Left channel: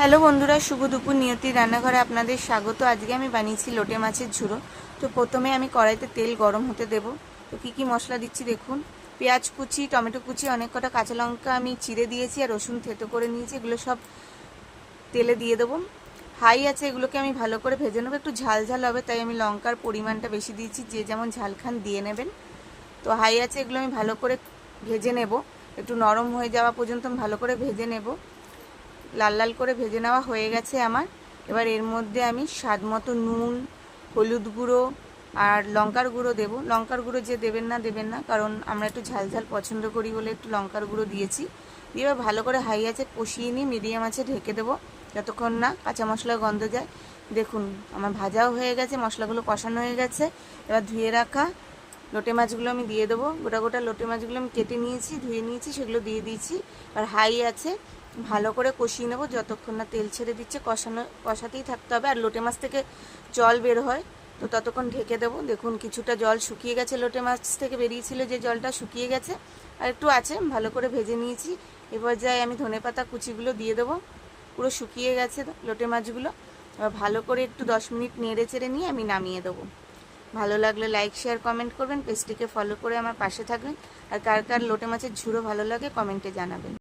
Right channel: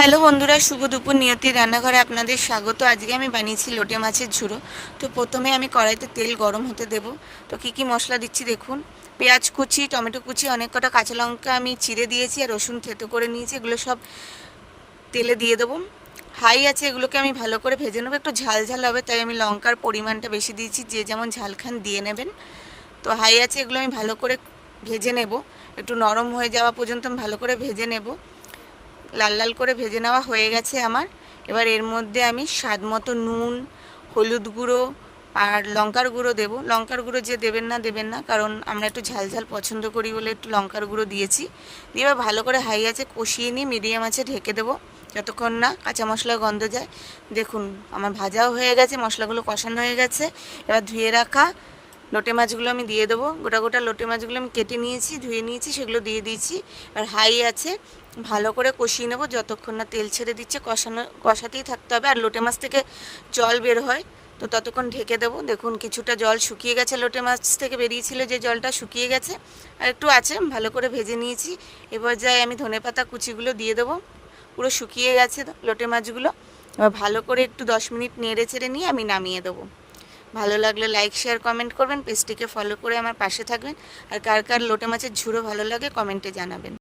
Hello বন্ধুরা, শুভ দুপুর। নিয়তির রান্নাঘরে আপনাদের স্বাগত। আজকে আমি বানিয়েছি লোটে মাছের ঝুড়ো। তো প্রথমে আমি কড়াইতে তেল গরম হতে দেব। তো কি মশলা দিচ্ছি দেখুন। পেঁয়াজ কুচি, টমেটো কুচি, অনেক কটা কাঁচা লঙ্কা আমি চিড়ে দিয়েছি, আর রসুন থেতো করে নিয়েছি। এগুলো সব তেলে দিয়ে দেবো। হাই আছে, এগুলোকে আমি ভালো করে ভেজে নেবো। একটু ঝাল ঝাল হবে, তাই আমি লঙ্কার পরিমাণটা বেশি দিয়েছি। যে যেমন ঝাল খান দিয়ে নেবেন। তো হাই আছে, এগুলো আমি ভালো করে ভেজে নেব। একটু নরম হয়ে যাওয়া পর্যন্ত আমি ভালো করে ভেজে নেব। লাল লাল করে ভেজে নেওয়া হয়ে গেছে আমার। এবার এর মধ্যে আমি স্বাদ মতো নুন, হলুদ গুঁড়ো আর লঙ্কার গুঁড়ো দেবো। লঙ্কার গুঁড়ো যে দেবেন না, কারণ আমরা একটু ঝাল ঝাল পছন্দ করি বলে একটু লঙ্কার গুঁড়ো দিয়েছি। দিয়ে এবার ভালো করে হাই আছে কষিয়ে নিয়ে মিডিয়াম আছে ঢেকে দেবো, যতক্ষণ না কাঁচা মশলার গন্ধ যায়। দেখুন আমার ভাজাও হয়ে গেছে, মশলাগুলো কষানো হয়ে গেছে। এবার ধুয়ে রাখা লোটে মাছগুলো আমি দিয়ে দেবো। গোটা গোটা লোটে মাছগুলো আমি কেটে নিয়েছি, ধুয়ে নিয়েছি, সেগুলো দিয়ে দিয়েছি। আর হাই আছে ভালো করে কষিয়ে নেবো যতক্ষণ না তেল ছেড়ে দিচ্ছে। কষাতেই থাকতে হবে। আর লোটে মাছ থেকে জল বের হয়, তো ততক্ষণ ঢেকে দেবো। দেখুন কিছুটা জল শুকিয়ে গেছে, লোটে মাছ থেকে বেরিয়েছিল যে জলটা শুকিয়ে গেছে, আর একটু আছে। ভালো করে ভেজে নিয়েছি। এবার যাই আমি ধনেপাতা কুচিগুলো দিয়ে দেবো। পুরো শুকিয়ে গেছে লোটে মাছগুলো। এবার ভালো করে একটু 10 মিনিট নেড়ে চেড়ে নিয়ে আমি নামিয়ে দেবো। ভালো লাগলে লাইক শেয়ার কমেন্ট করবেন, পেজটিকে ফলো করে আমার পাশে থাকবেন। আর কার কার লোটে মাছের ঝুড়ো ভালো লাগে কমেন্টে জানাবেন।